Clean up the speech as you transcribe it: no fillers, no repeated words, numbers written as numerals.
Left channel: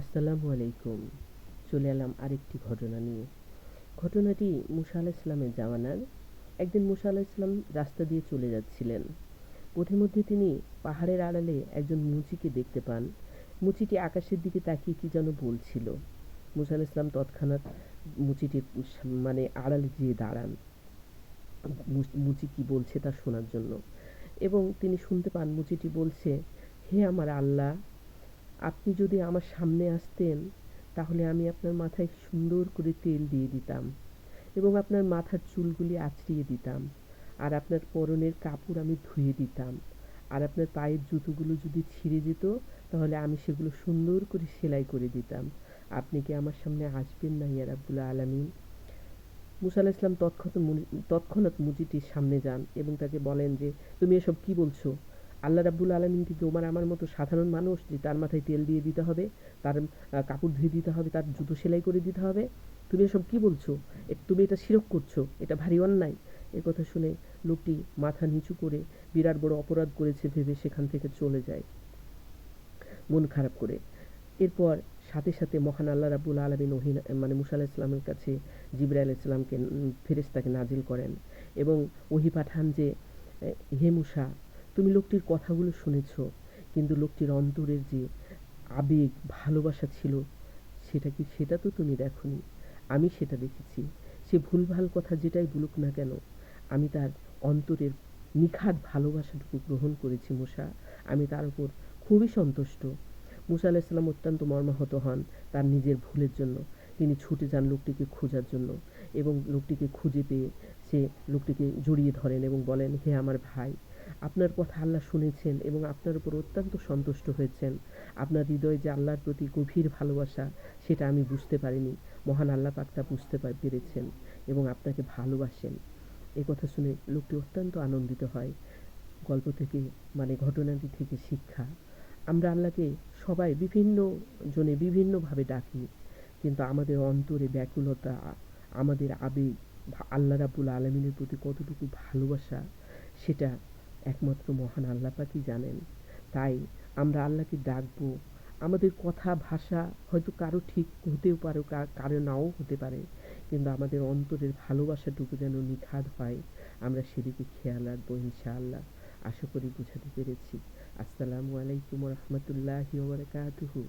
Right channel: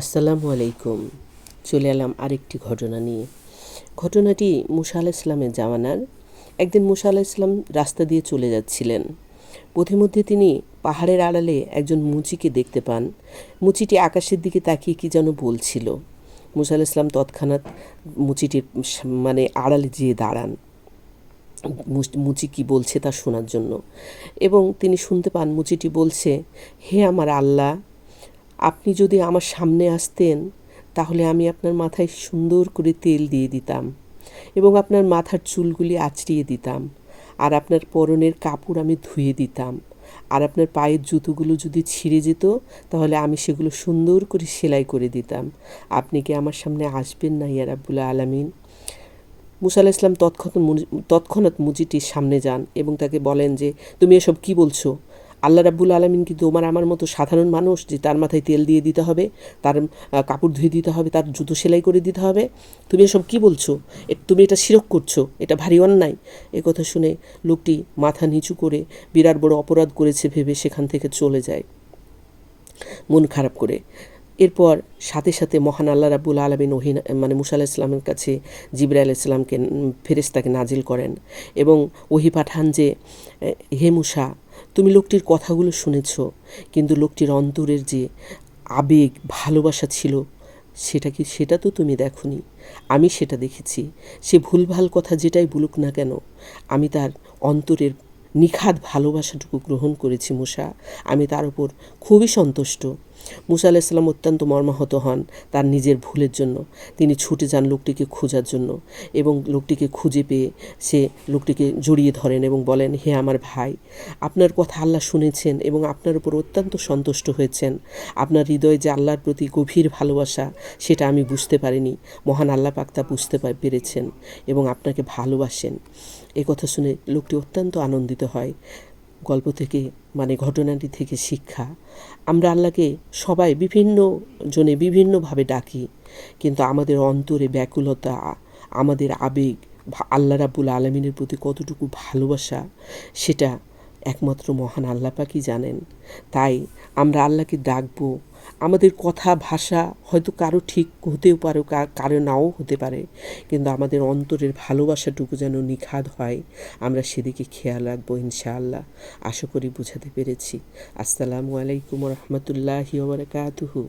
আসসালামু আলাইকুম। চলে এলাম আরেকটি ঘটনা নিয়ে। ঘটনাটি মুসা আলাইহিস সালামের জামানার। একদিন মুসা আলাইহিস সালাম রাস্তা দিয়ে চলে যাচ্ছিলেন। পথিমধ্যে তিনি পাহাড়ের আড়ালে একজন মুচিকে দেখতে পান। মুচিটি আকাশের দিকে তাকিয়ে কী যেন বলছিল। মুসা আলাইহিস সালাম তৎক্ষণাৎ মুচিটির আড়ালে যেয়ে দাঁড়ান মুচি কী বলছে তা শোনার জন্য, এবং তিনি শুনতে পান মুচিটি বলছে, হে আমার আল্লাহ, আপনি যদি আমার সামনে আসতেন তাহলে আমি আপনার মাথায় সুন্দর করে তেল দিয়ে দিতাম এবং আপনার মাথার চুলগুলি আঁচড়িয়ে দিতাম, আর আপনার পরনের কাপড় আমি ধুয়ে দিতাম, আর আপনার পায়ের জুতোগুলো যদি ছিঁড়ে যেত তাহলে আমি সেগুলো সুন্দর করে সেলাই করে দিতাম। আপনি কি আমার সামনে আসবেন না ইয়া রাব্বুল আলামিন? মুসা আলাইহিস সালাম তৎক্ষণাৎ মুচিটির সামনে যান এবং তাকে বলেন যে, তুমি এসব কি বলছো? আল্লাহ রাব্বুল আলামিন কি তোমার আমার মতো সাধারণ মানুষ যে তার মাথায় তেল দিয়ে দিতে হবে, তার কাপড় ধুয়ে দিতে হবে, তার জুতো সেলাই করে দিতে হবে? তুমি এসব কি বলছো? তুমি এটা শিরক করছো, এটা ভারী অন্যায়। এ কথা শুনে লোকটি মাথা নিচু করে বিরাট বড় অপরাধ করেছে ভেবে সেখান থেকে চলে যায় মন খারাপ করে। এরপর সাথে সাথে মহান আল্লাহ রাব্বুল আলামিন মুসা আলাইহিস সালামের কাছে জিবরাইল আলাইহিস সালামকে ফেরেশতাকে নাজিল করেন এবং ওহী পাঠান যে, হে মুসা, তুমি লোকটির কথাগুলো শুনেছ, কিন্তু লোকটির অন্তরের যে আবেগ ভালোবাসা ছিল সেটা তো তুমি দেখোনি। আমি সেটা দেখেছি। সে ভুলভাল কথা যেটাই বলুক না কেন, আমি তার অন্তরের নিখাদ ভালোবাসাটুকু গ্রহণ করেছি মুসা। আমি তার উপর খুবই সন্তুষ্ট। মুসা আলাইহিস সালাম অত্যন্ত মর্মাহত হন তার নিজের ভুলের জন্য। তিনি ছুটে যান লোকটিকে খোঁজার জন্য এবং লোকটিকে খুঁজে পেয়ে সে লোকটিকে জড়িয়ে ধরেন এবং বলেন, হে আমার ভাই, আপনার কথা আল্লাহ শুনেছেন এবং আপনার উপর অত্যন্ত সন্তুষ্ট হয়েছেন। আপনার হৃদয়ে যে আল্লাহর প্রতি গভীর ভালোবাসা সেটা আমি বুঝতে পারিনি। মহান আল্লাহ পাক তা বুঝতে পেরেছেন এবং আপনাকে ভালোবাসেন। এ কথা শুনে লোকটি অত্যন্ত আনন্দিত হয়। গল্প থেকে ঘটনাটি থেকে শিক্ষা, আমরা আল্লাহকে সবাই বিভিন্ন জনে বিভিন্নভাবে ডাকি, কিন্তু আমাদের অন্তরে ব্যাকুলতা, আমাদের আবেগ, আল্লাহ রাব্বুল আলামিনের প্রতি কতটুকু ভালোবাসা সেটা একমাত্র মহান আল্লাহ পাকই জানেন। তাই আমরা আল্লাহকে ডাকবো। আমাদের কথা ভাষা হয়তো কারো ঠিক হতেও পারে, কারো নাও হতে পারে, কিন্তু আমাদের অন্তরের ভালোবাসাটুকু যেন নিখাদ হয়, আমরা সেদিকে খেয়াল রাখবো ইনশাআল্লাহ। আশা করি বুঝাতে পেরেছি। আসসালামু আলাইকুম ওয়া রাহমাতুল্লাহি ওয়া বারাকাতুহু।